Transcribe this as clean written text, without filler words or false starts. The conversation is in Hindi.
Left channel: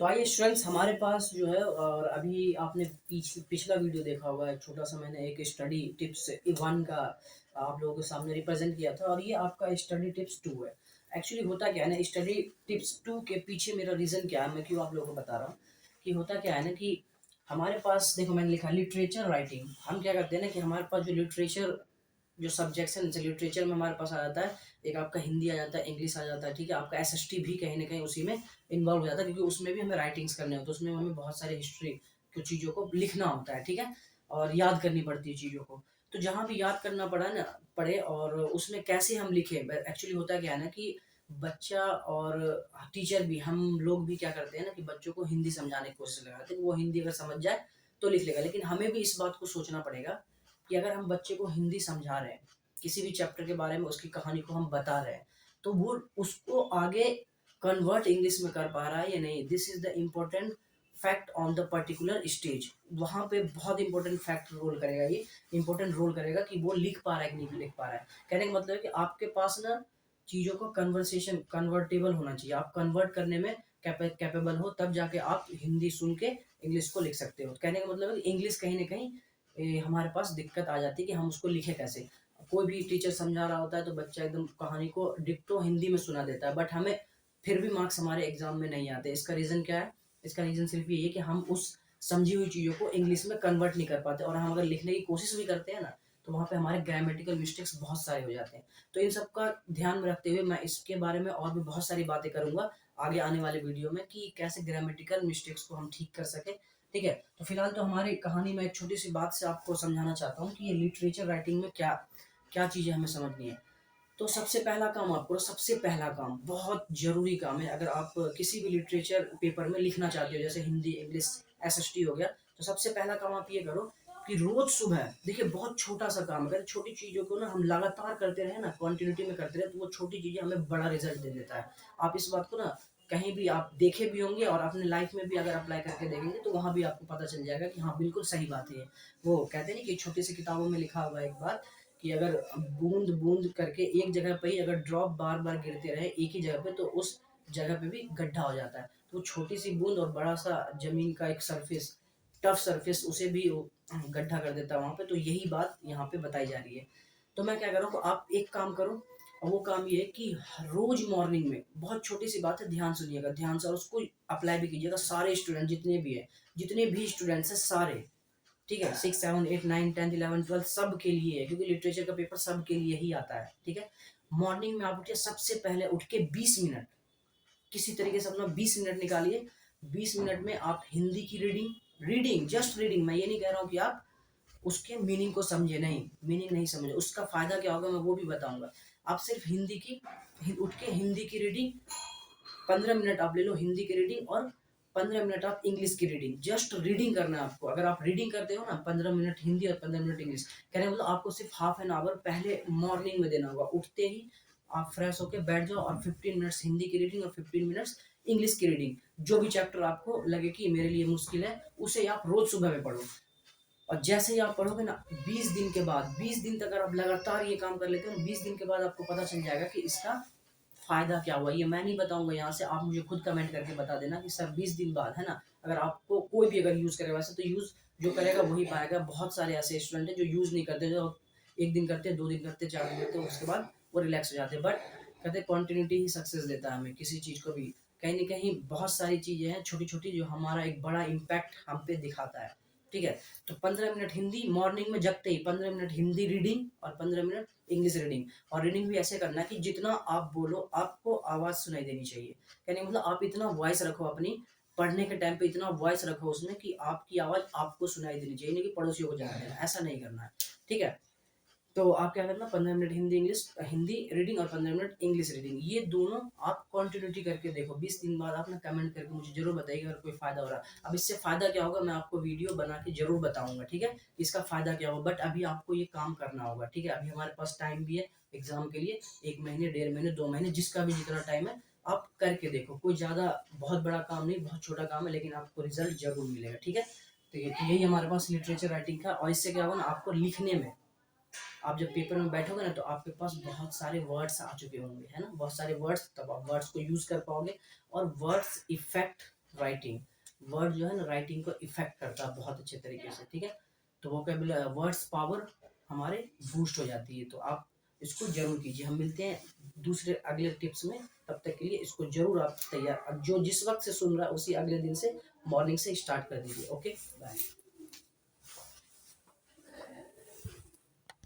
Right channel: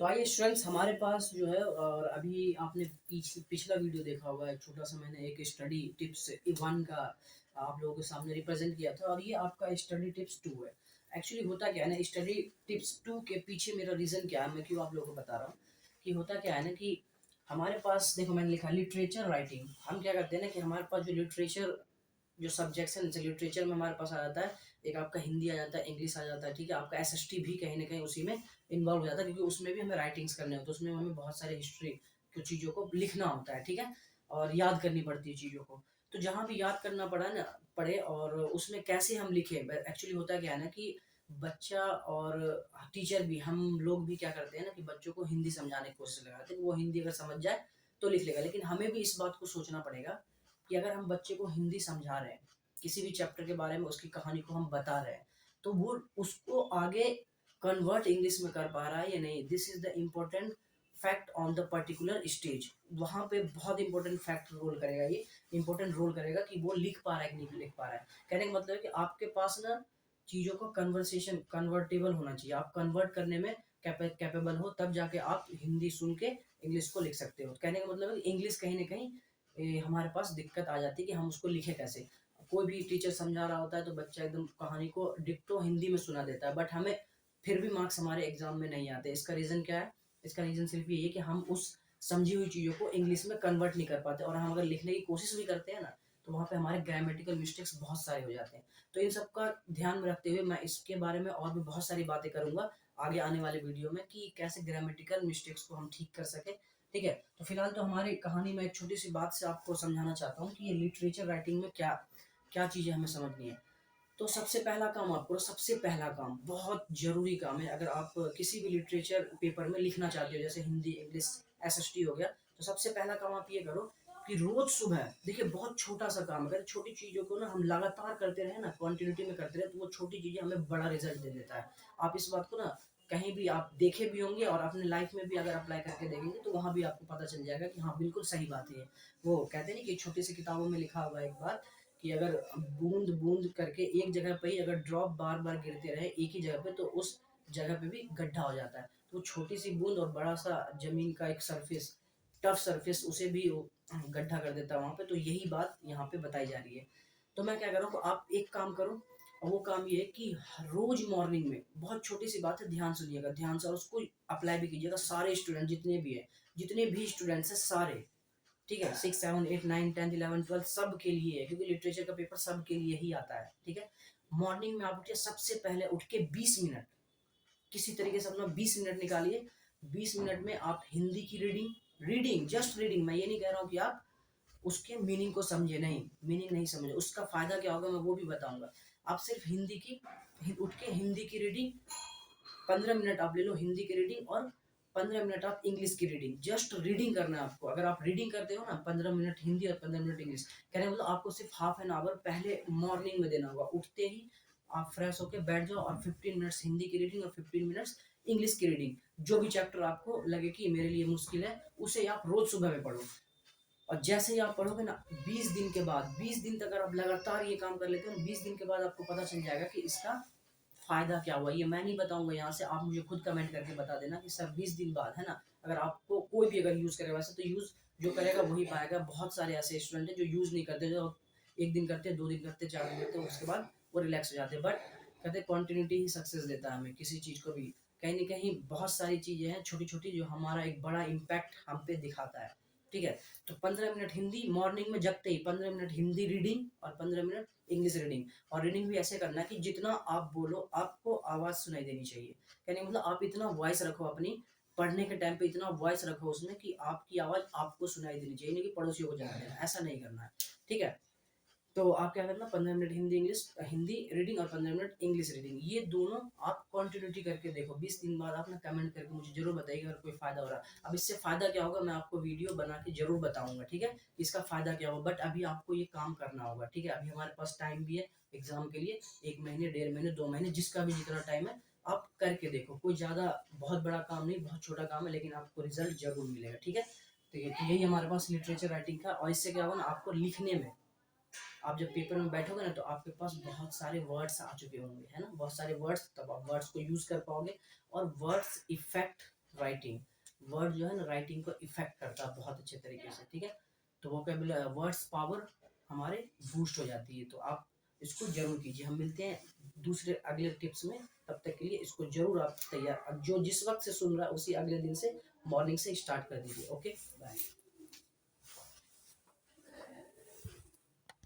तो आइए स्टूडेंट्स हमारे पास जो है और अभी आपने पिछला वीडियो देखा होगा। एक छोटा सा मैंने एक स्टडी टिप्स वन का आप लोगों के सामने रिप्रेजेंट किया था और ये आपका स्टडी टिप्स टू है। एक्चुअली होता क्या है ना, स्टडी टिप्स टू के पीछे मेरा रीज़न क्या है, मैं क्यों आप लोगों को बता रहा हूँ कि होता क्या है ना कि हमारे पास देखो मैंने लिखा लिटरेचर राइटिंग। हम क्या करते हैं ना कि हमारे पास जो लिटरेचर जो सब्जेक्ट्स हैं, जैसे लिटरेचर में हमारे पास आ जाता है, एक आपका हिंदी आ जाता है, इंग्लिश आ जाता है, ठीक है। आपका एसएसटी भी कहीं ना कहीं उसी में इन्वॉल्व हो जाता है, क्योंकि उसमें भी हमें राइटिंग्स करने होते हैं, उसमें हमें बहुत सारे हिस्ट्री की चीज़ों को लिखना होता है, ठीक है, और याद करनी पड़ती है चीज़ों को। तो जहाँ भी याद करना पड़े और उसमें कैसे हम लिखें, एक्चुअली होता क्या है ना कि बच्चा और टीचर भी, हम लोग भी क्या करते हैं ना कि बच्चों को हिंदी समझाने की कोशिश लगाते हैं कि वो हिंदी अगर समझ जाए तो लिख लेगा। लेकिन हमें भी इस बात को सोचना पड़ेगा कि अगर हम बच्चे को हिंदी समझा रहे हैं, किसी भी चैप्टर के बारे में उसकी कहानी को हम बता रहे हैं, तो वो उसको आगे कन्वर्ट इंग्लिश में कर पा रहा है या नहीं। This is the important fact on the particular stage. वहाँ पे बहुत इंपॉर्टेंट फैक्ट रोल करेगा, ये इंपॉर्टेंट रोल करेगा कि वो लिख पा रहा है कि नहीं लिख पा रहा है। कहने का मतलब है कि आपके पास ना चीज़ों को कन्वर्सेशन कन्वर्टेबल होना चाहिए, आप कन्वर्ट करने में कैपेबल हो, तब जाके आप हिंदी सुन के इंग्लिश को लिख सकते हो। कहने का मतलब है कि इंग्लिश कहीं ना कहीं हमारे पास दिक्कत आ जाती है कि हम उसको लिखे कैसे। कोई भी टीचर समझा रहा होता है तो बच्चा एकदम कहानी को डिक्टो हिंदी में सुना देता है, बट हमें फिर भी मार्क्स हमारे एग्जाम में नहीं आते। इसका रीज़न क्या है? इसका रीज़न सिर्फ ये है कि हम उस समझी हुई चीज़ों को इंग्लिश में कन्वर्ट नहीं कर पाते, और हम अगर लिखने की कोशिश भी करते हैं ना, तो वहाँ पे हमारे ग्रामेटिकल मिस्टेक्स बहुत सारे हो जाते हैं। तो इन सब का ध्यान में रखते हुए मैं इसके बारे में और भी बहुत सारी बातें करूँगा आगे आने वाले वीडियो में कि कैसे ग्रामेटिकल मिस्टेक्स को हम ठीक कर सकें, ठीक है। तो फिलहाल तो हमारी कहानी में एक छोटी सी बात से आपको समझाना चाहता हूँ कि ये लिटरेचर राइटिंग में क्या क्या चीज़ें हमें समझनी है। तो सबसे पहला काम आपको, सबसे पहला काम बहुत ज़रूरी काम है, अगर आप किसी भी लिटरेचर पेपर में लिखना चाहते हो, जैसे हिंदी, इंग्लिश, एसएसटी हो गया, तो सबसे पहला काम आप ये करो कि रोज़ सुबह, देखिए बहुत छोटा-सा काम है, अगर छोटी चीज़ों को ना हम लगातार करते रहें ना, कंटिन्यूटी में करते रहें, तो वो छोटी चीज़ें हमें बड़ा रिज़ल्ट दे देता है। आप इस बात को ना कहीं भी आप देखे भी होंगे और अपने लाइफ़ में भी अगर अप्लाई करके देखेंगे, तो वहाँ भी आपको पता चल जाएगा कि हाँ, बिल्कुल सही बात है ये। वो कहते हैं ना कि छोटी-सी किताबों में लिखा हुआ है एक बात कि अगर बूंद-बूंद करके एक जगह पे ही अगर ड्रॉप बार-बार गिरते रहे एक ही जगह पे, तो उस जगह पे भी गड्ढा हो जाता है। तो वो छोटी-सी बूंद और बड़ा-सा ज़मीन का एक सरफेस, टफ सरफेस, उसे भी वो गड्ढा कर देता है वहाँ पे। तो यही बात यहाँ पे बताई जा रही है। तो मैं क्या कर रहा हूँ, आप एक काम करो, और वो काम ये है कि रोज़ मॉर्निंग में, बहुत छोटी-सी बात है, ध्यान सुनिएगा, ध्यान से, और उसको अप्लाई भी कीजिएगा। सारे स्टूडेंट जितने भी हैं, जितने भी स्टूडेंट्स हैं सारे, ठीक है, 6, 7, 8, 9, 10, 11, 12 सब के लिए है, क्योंकि लिटरेचर का पेपर सब के लिए ही आता है, ठीक है। मॉर्निंग में आप उठिए, सबसे पहले उठ के 20 मिनट किसी तरीके से अपना 20 मिनट निकालिए। 20 मिनट में आप हिंदी की रीडिंग, रीडिंग, जस्ट रीडिंग, मैं ये नहीं कह रहा हूँ कि आप उसके मीनिंग को समझे, नहीं, मीनिंग नहीं समझे, उसका फ़ायदा क्या होगा मैं वो भी बताऊँगा। आप सिर्फ़ हिंदी की उठ के हिंदी की रीडिंग 15 मिनट आप ले लो हिंदी की रीडिंग, और 15 मिनट आप इंग्लिश की रीडिंग, जस्ट रीडिंग करना है आपको। अगर आप रीडिंग करते हो ना, 15 मिनट हिंदी और 15 मिनट इंग्लिश, कहने का मतलब आपको सिर्फ हाफ एन आवर पहले मॉर्निंग में देना होगा। उठते ही आप फ्रेश होके बैठ जाओ और 15 मिनट्स हिंदी की रीडिंग और 15 मिनट्स इंग्लिश की रीडिंग। जो भी चैप्टर आपको लगे कि मेरे लिए मुश्किल है, उसे आप रोज सुबह में पढ़ो। और जैसे ही आप पढ़ोगे ना, 20 दिन के बाद, 20 दिन तक अगर आप लगातार ये काम कर लेते हो, 20 दिन के बाद आपको पता चल जाएगा कि इसका फ़ायदा क्या हुआ। ये मैं नहीं बताऊँगा यहाँ से, आप मुझे खुद कमेंट करके बता देना कि सर 20 दिन बाद, है ना? अगर आपको कोई भी अगर यूज़ करेगा, वैसे तो यूज़ जो करेगा वही पाएगा। बहुत सारे ऐसे स्टूडेंट हैं जो यूज़ नहीं करते, जो 1 दिन करते, 2 दिन करते, 4 दिन करते, उसके बाद वो रिलैक्स हो जाते हैं। बट कहते हैं कंटिन्यूटी ही सक्सेस देता है हमें किसी चीज़ को भी। कहीं न कहीं बहुत सारी चीज़ें हैं छोटी-छोटी, जो हमारा एक बड़ा इम्पैक्ट हम पे दिखाता है, ठीक है? तो 15 मिनट हिंदी मॉर्निंग में जगते ही, 15 मिनट हिंदी रीडिंग और 15 मिनट इंग्लिश रीडिंग। और रीडिंग भी ऐसे करना है कि जितना आप बोलो आपको आवाज़ सुनाई देनी चाहिए। कहने का मतलब आप इतना वॉइस रखो अपनी, पढ़ने के टाइम पे इतना वॉइस रखो उसमें कि आपकी आवाज़ आपको सुनाई देनी चाहिए, नहीं कि पड़ोसियों को जाने देना, ऐसा नहीं करना है, ठीक है? तो आप क्या करना, 15 minute Hindi English, Hindi reading और 15 मिनट इंग्लिश रीडिंग, ये दोनों आप कंटिन्यूटी करके देखो। 20 दिन बाद आप ना कमेंट करके मुझे ज़रूर बताइएगा अगर कोई फ़ायदा हो रहा है। अब इससे फ़ायदा क्या होगा मैं आपको वीडियो बना के ज़रूर बताऊँगा, ठीक है? इसका फ़ायदा क्या होगा, बट अभी आपको ये काम करना होगा, ठीक है? अभी हमारे पास टाइम भी है एग्ज़ाम के लिए, 1 महीने, डेढ़ महीने, 2 महीने, जिसका भी जितना टाइम है, आप करके देखो। कोई ज़्यादा बहुत बड़ा काम नहीं, बहुत छोटा काम है, लेकिन आपको रिज़ल्ट ज़रूर मिलेगा, ठीक है? तो यही हमारे पास लिटरेचर राइटिंग का, और इससे क्या होगा ना, आपको लिखने में, आप जब पेपर में बैठोगे ना, तो आपके पास बहुत सारे वर्ड्स आ चुके होंगे, है ना? बहुत सारे वर्ड्स, तब आप वर्ड्स को यूज़ कर पाओगे, और वर्ड्स इफ़ेक्ट राइटिंग, वर्ड जो है ना राइटिंग को इफेक्ट करता है बहुत अच्छे तरीके से, ठीक है। तो वोकेबुलरी वर्ड्स पावर हमारे बूस्ट हो जाती है, तो आप इसको जरूर कीजिए। हम मिलते हैं दूसरे अगले टिप्स में, तब तक के लिए इसको जरूर आप तैयार, जो जिस वक्त से सुन रहा है उसी अगले दिन से मॉर्निंग से स्टार्ट कर दीजिए। Okay, bye.